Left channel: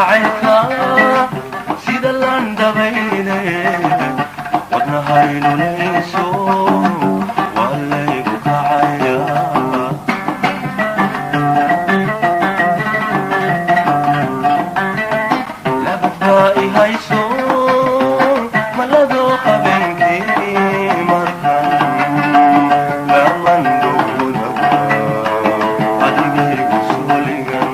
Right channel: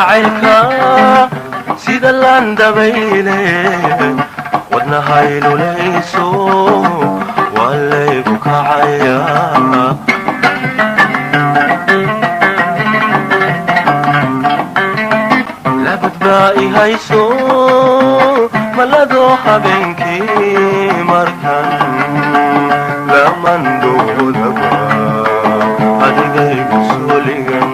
jacaylka sida laandabayle wadnahaynu leyso waa laygu kacaya labadbaa ihayso maladoo habeenkii markan lamandoodaba adigaygu sooligan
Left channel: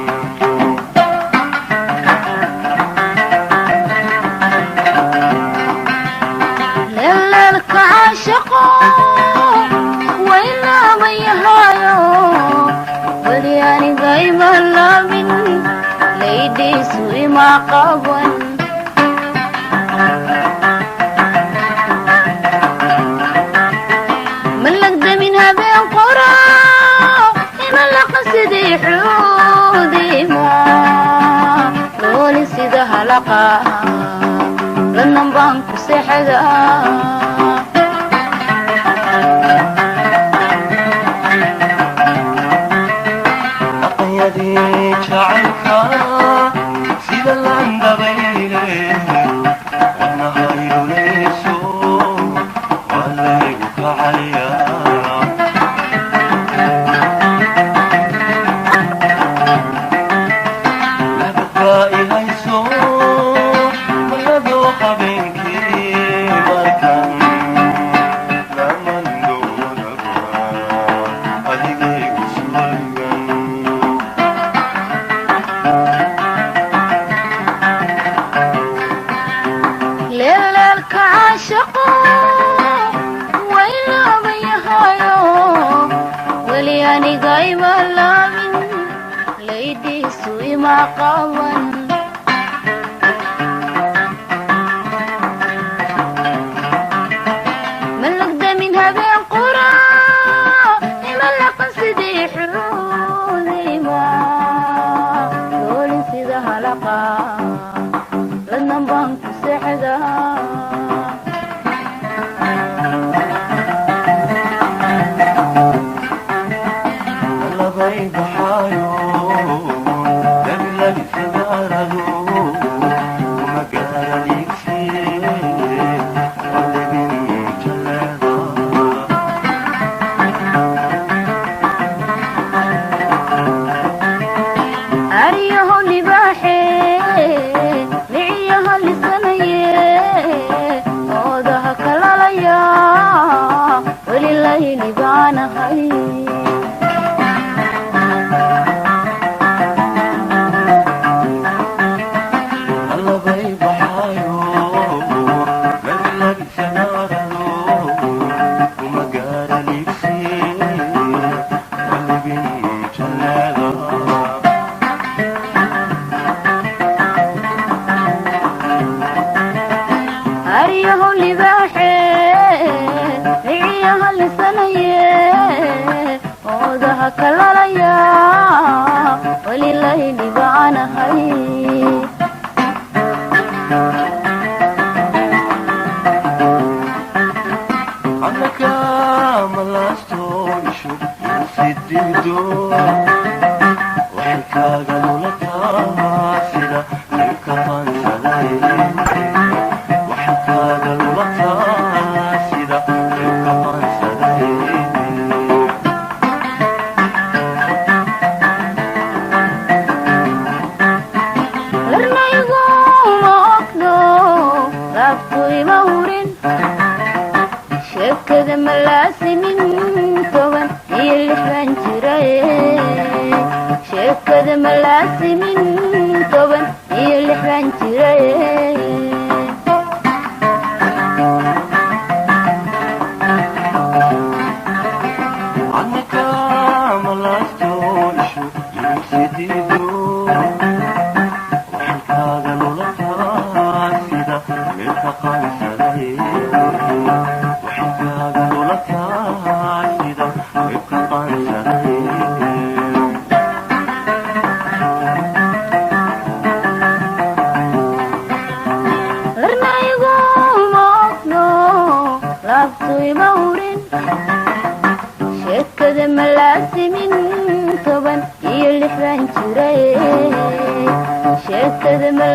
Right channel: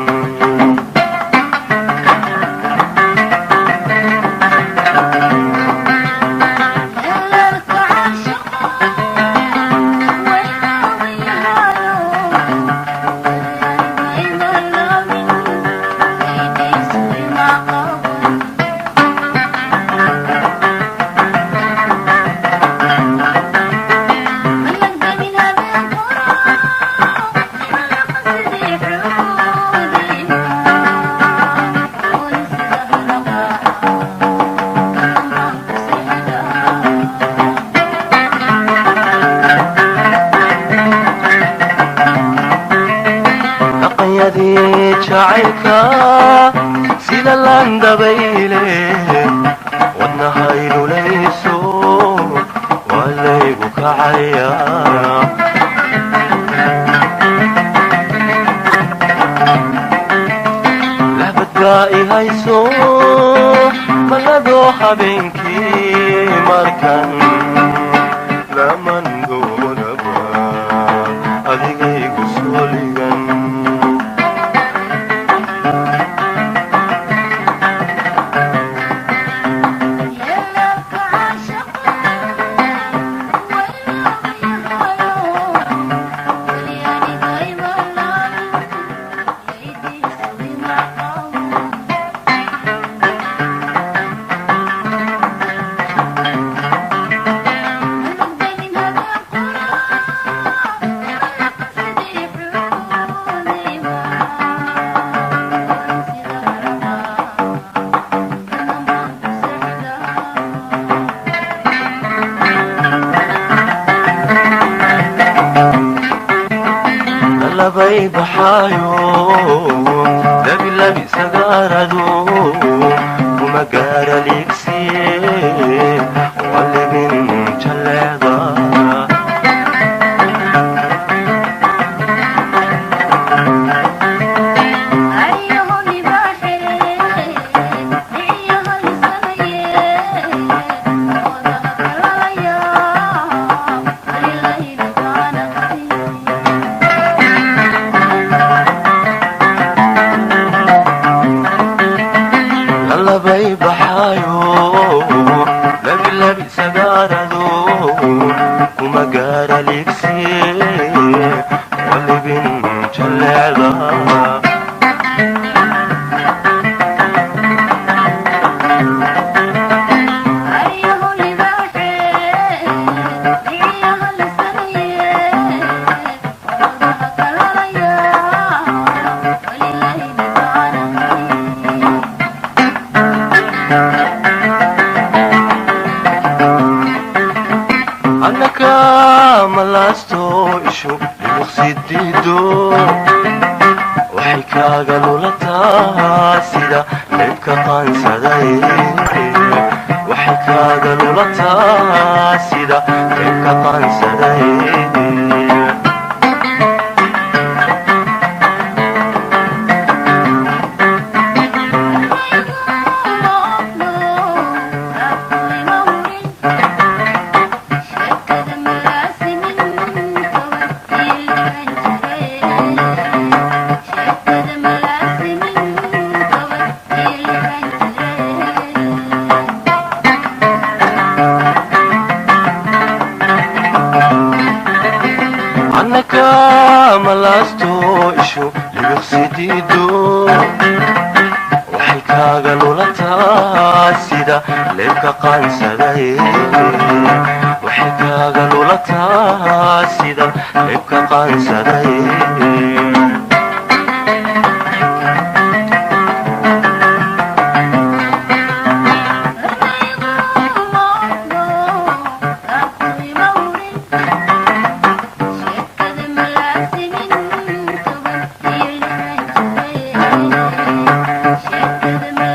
Shake the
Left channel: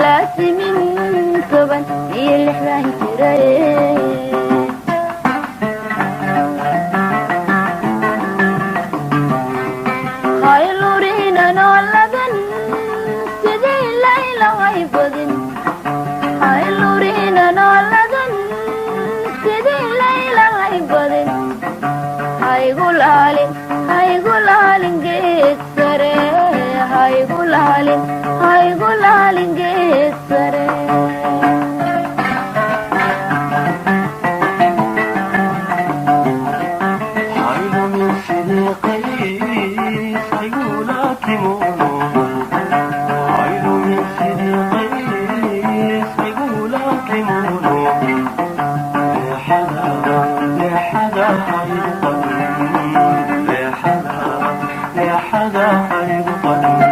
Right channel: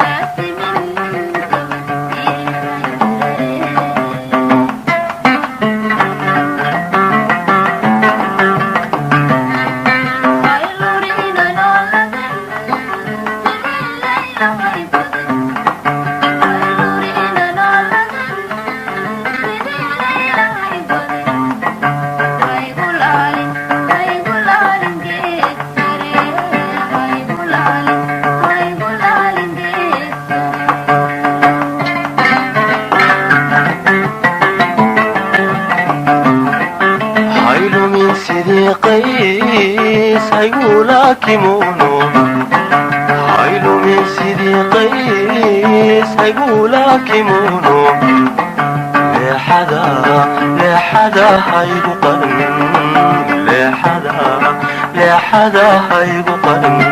هيقولا كيمونو هايلو من سيدي قيس هيقولا كيمونو لحدا هيبقى لحدا هيبقى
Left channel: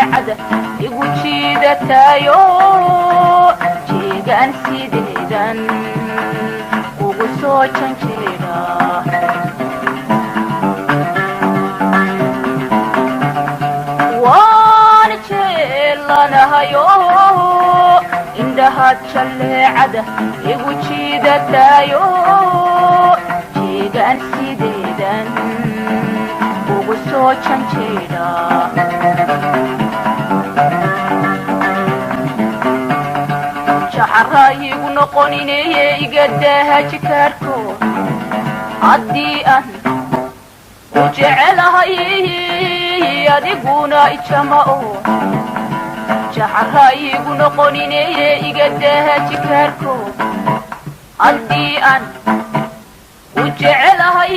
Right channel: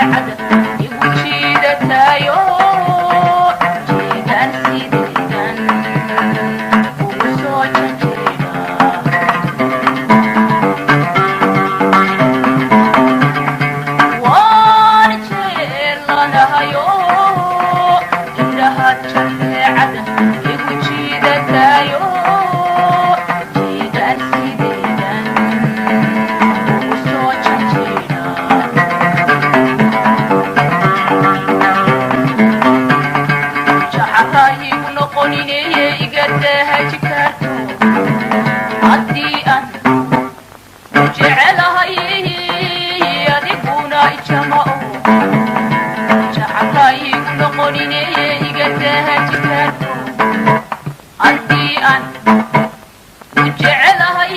jaleecada igu jiidataayo jeegaan sideedan ugu soo janjeeda waan jeelanahayo indhahaad jaleecada igu jiidataayo jeegaan sideedan ugu soo janjeeda jacarayigu noqonineye igadaha jikaarko haddii aan u jecelahay adiguna ijamao jacarayigu noqonineye igadaha jikaarko haddii aan u jecelahay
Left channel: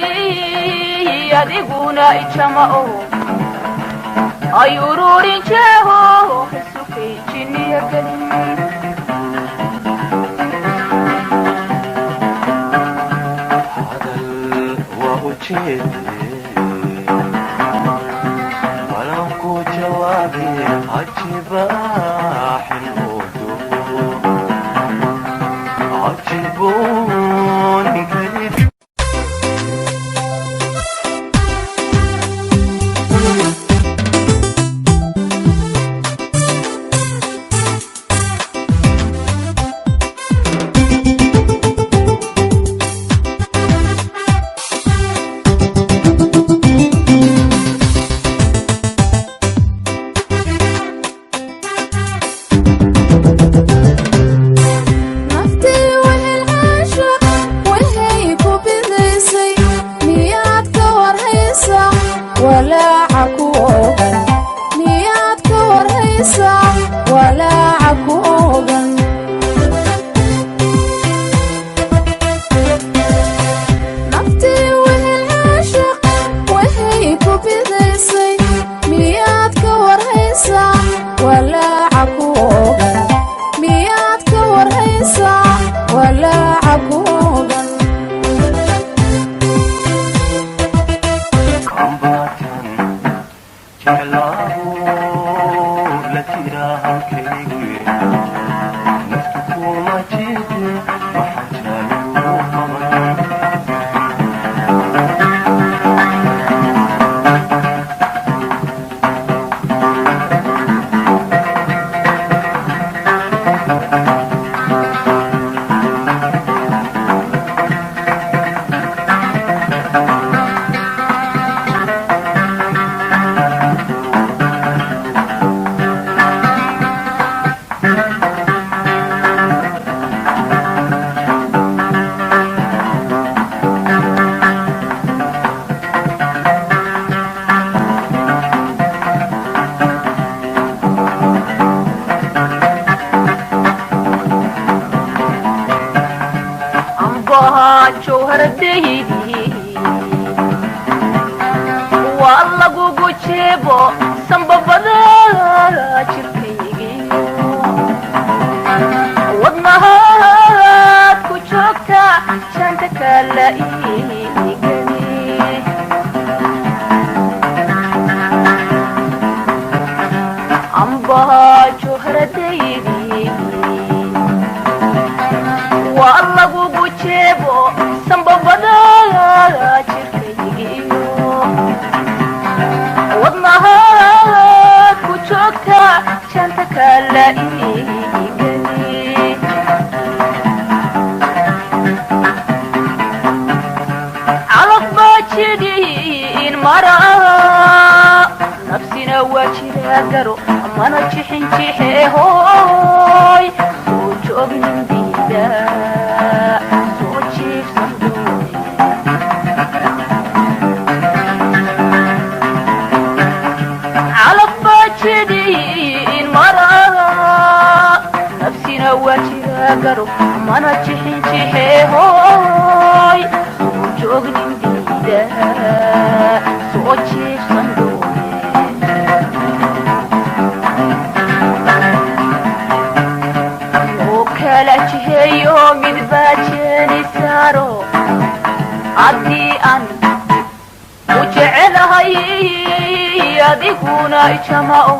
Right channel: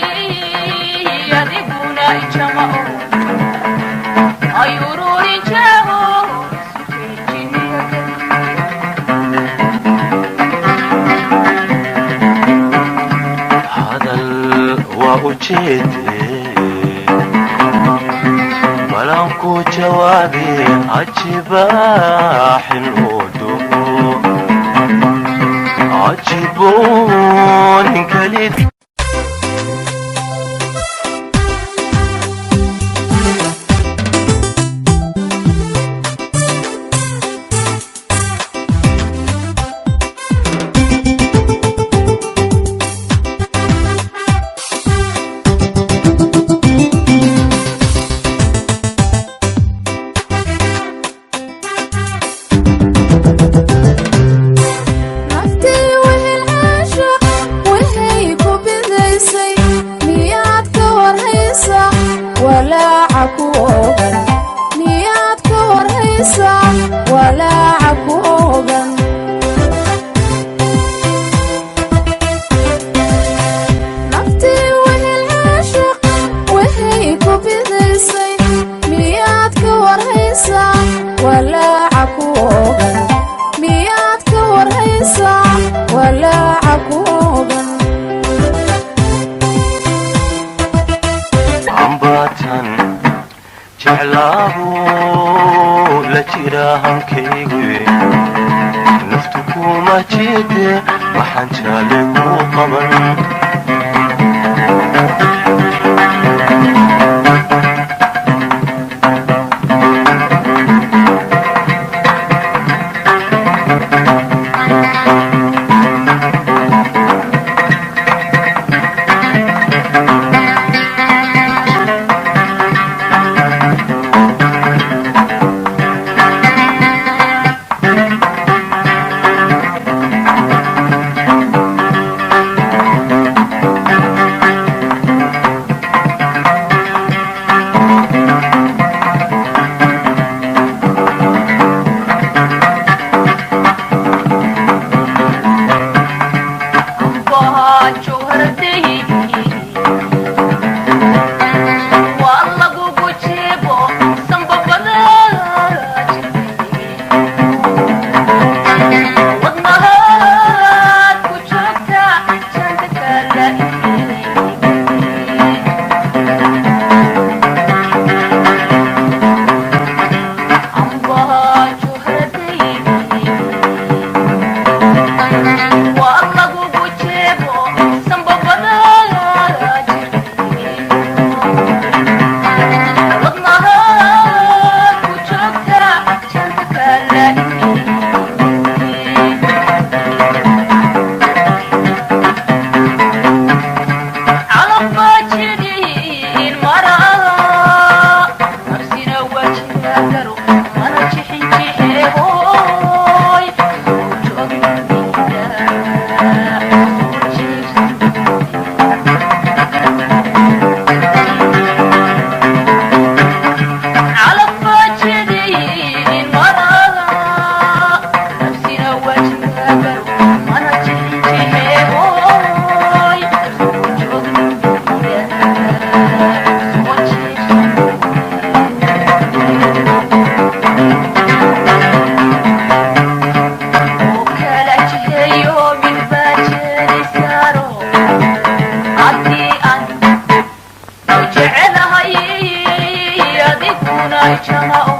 adiguna ijamao ay ururin jeego kasukejiniya hadal waa ujeedee balanku jawaabi cajibaaxin oo doo cajiboon kalid ambatan jeclaahu la jira halkaygu naftu kuma jeede waxaan jaale ku qaban adiguna ijamao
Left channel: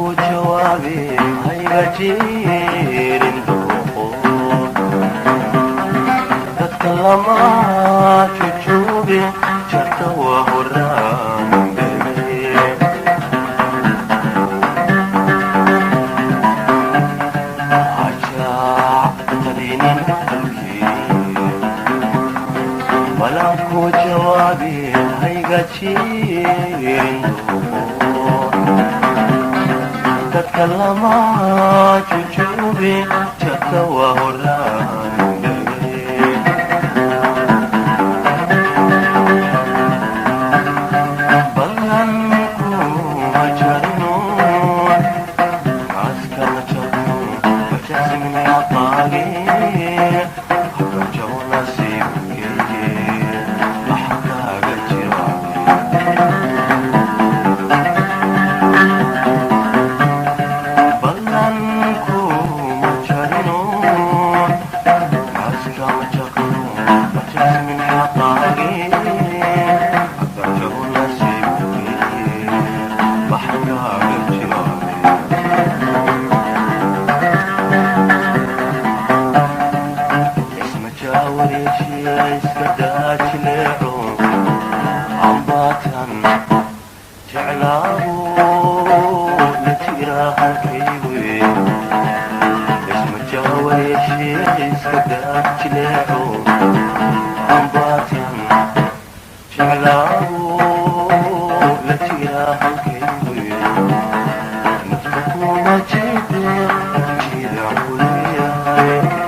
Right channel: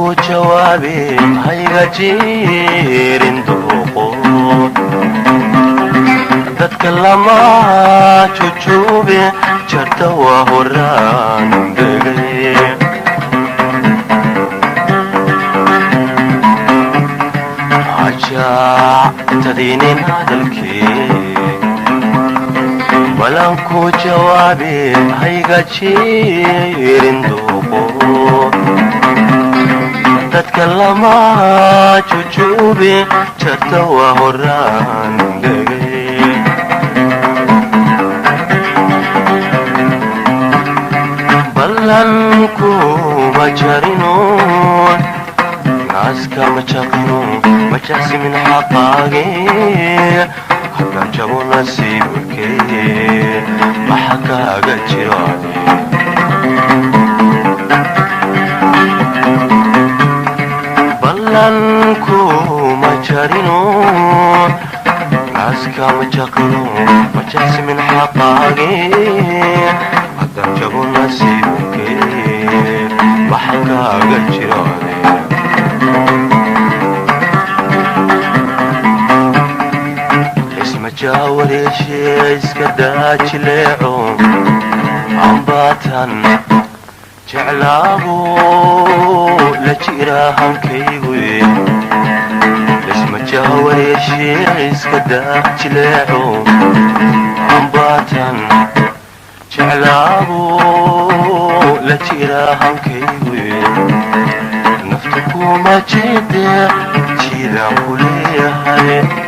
ku jawaabe hayga jirin duqood dadka lama jujube jarta waa horaan degay tadinin hadalkii balan ku jawaabe hayga jirin duqood dadka lama jujube jarta waa horaan degay balan kuma jarinoon naaska ma jaqno مجلس من حقاقي حقا جابوا نصيبك ما حقاق الجيراني بلنكو مجرنون ناسكا مجقنون مجلس من حقاقي حقا جابوا نصيبك ما حقاق الجيراني جاولي شي اسكداج ليعون عمباتن جعلابو لجيراهم كيوي اسم جاولي شي اسكداج ليعون عمباتن جعلابو لجيراهم كيوي نفتكو ما جيدا جيدا قوليها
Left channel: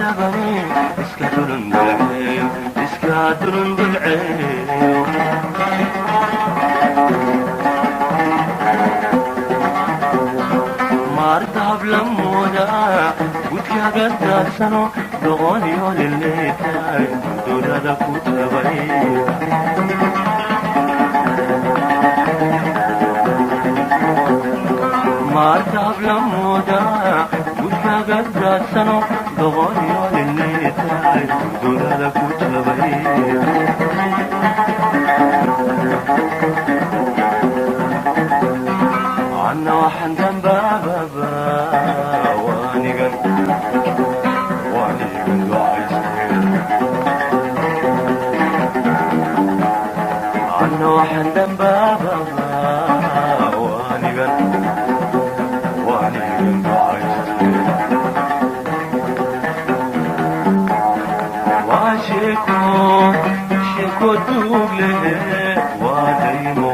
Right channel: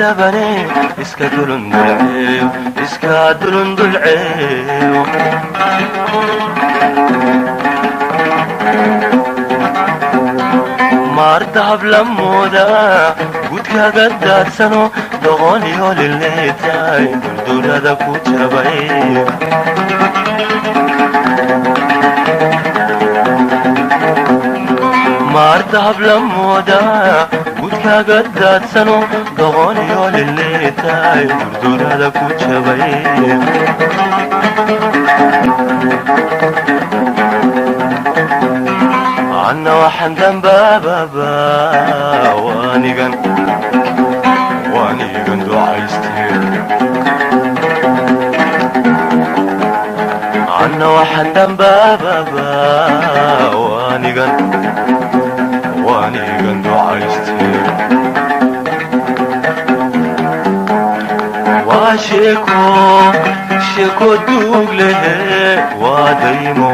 sabane iska dulundulceeyo iska dulundulceeyo maardahab lamooda gudkaaga daadsano doqoniyo lileetay duldulada ku jabay maardahab lamooda gudkaaga daadsano doqoniyo lileetay duldulada ku jabay anna waxaan dambaababa waanigan ducaystee anna waxaan dambaababa waanigan ducaystee waa sheeko duug lehe waa daymo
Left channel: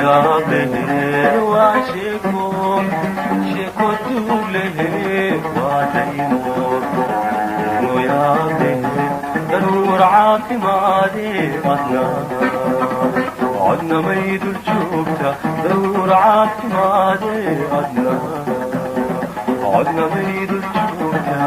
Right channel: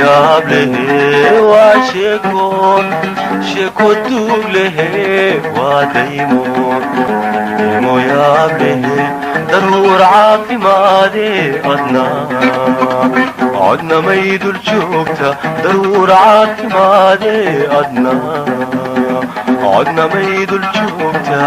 yaab lehe waa sheeko duug lehe waa daymo yaab lehe daruur caafimaade adna may dul joogta daruur caafimaade adna may dul joogta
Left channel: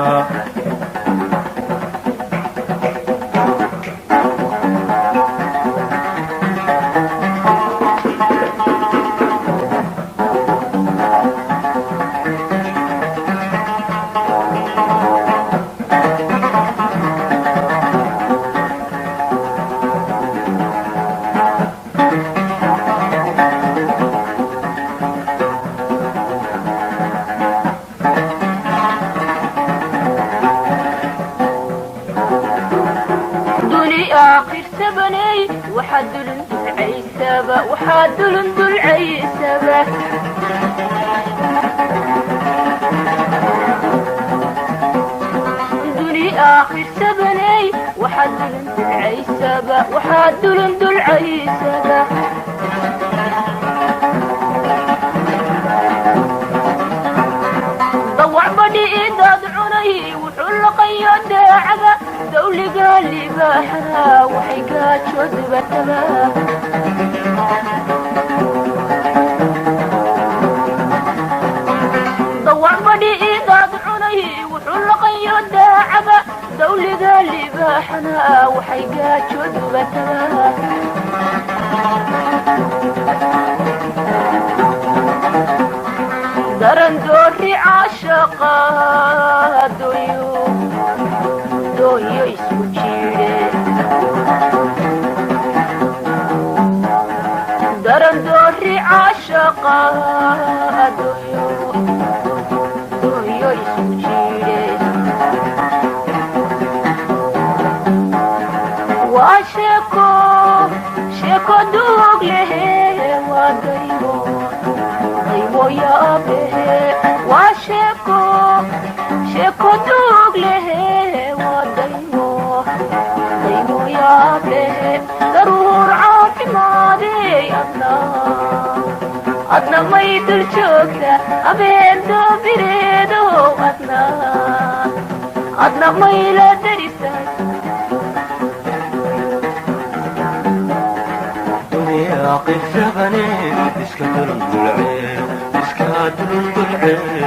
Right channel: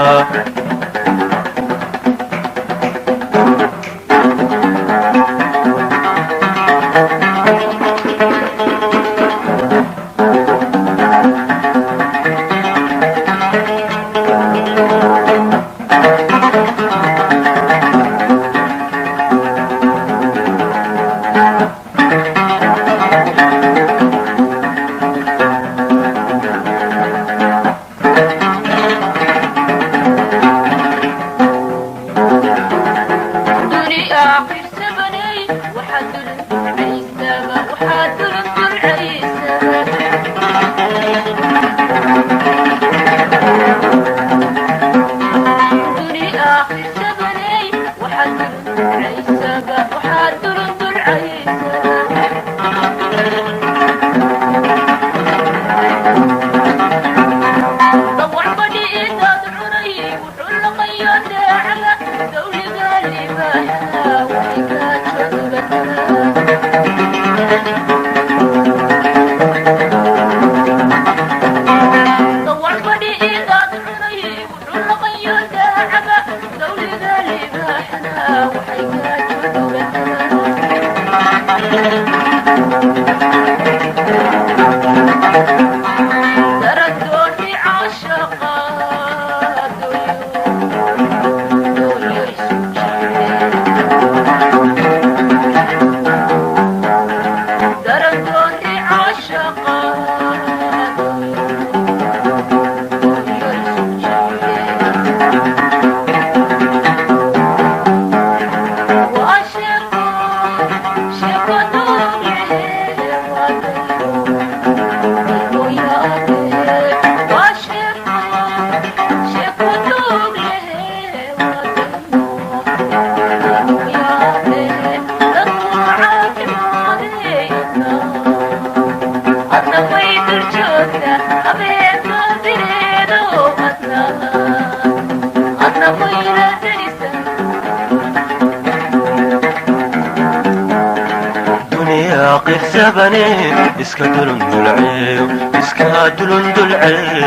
iska dulundulceeyo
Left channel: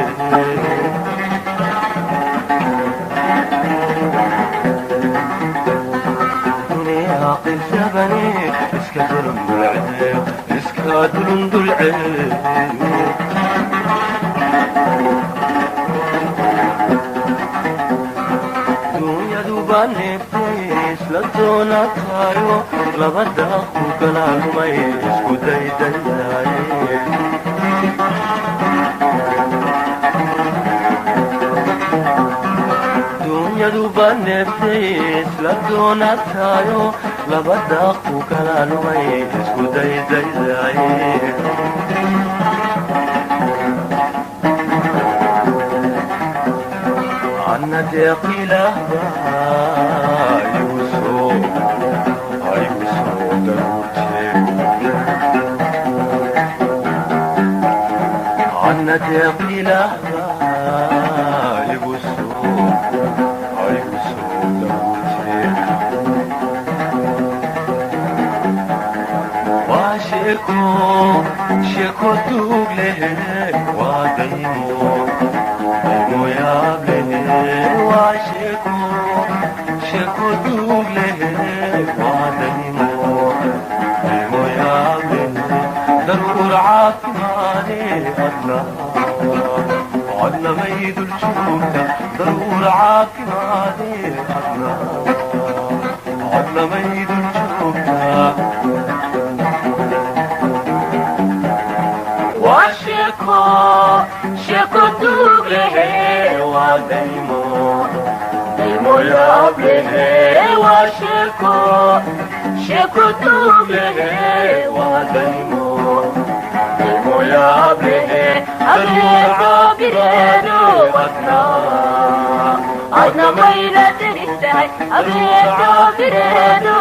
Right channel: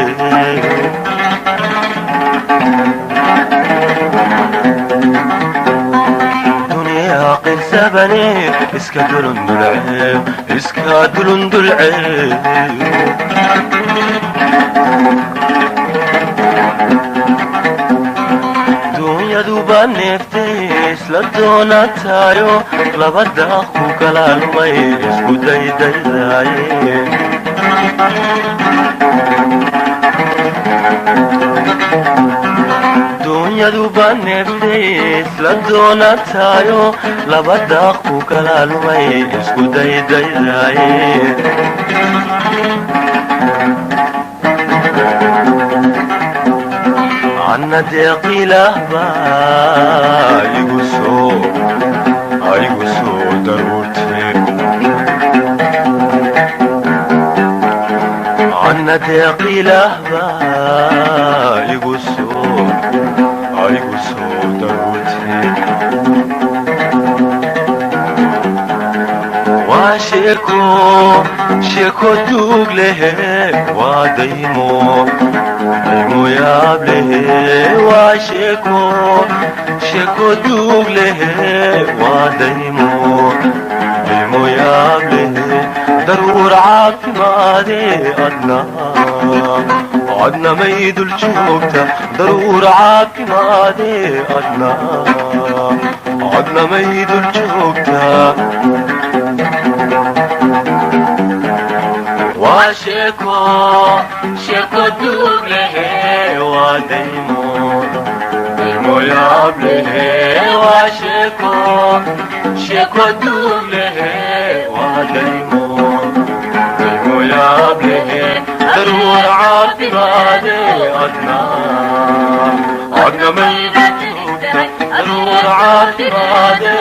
duniyaa qirsabane iska dulundulceeyo duunyaduba neeftay isla doonataayo labada ku galaalmay isku daydaydaye duunyaduba neeftay isla doonataayo labada ku galaalmay isku daydaydaye anna deeqilah baa igu soo daruurtee anna deeqilah baa igu soo sheeko duug lehe waa daymo daymo yaab lehe waa sheeko duug lehe waa daymo daymo yaab lehe daruur caafimaade adna may dul joogta daruur caafimaade adna may dul joogta sheeko duug lehe waa daymo daymo yaab lehe waa sheeko duug lehe waa daymo daymo yaab lehe daruur caafimaade adna may dul joogta daruur caafimaade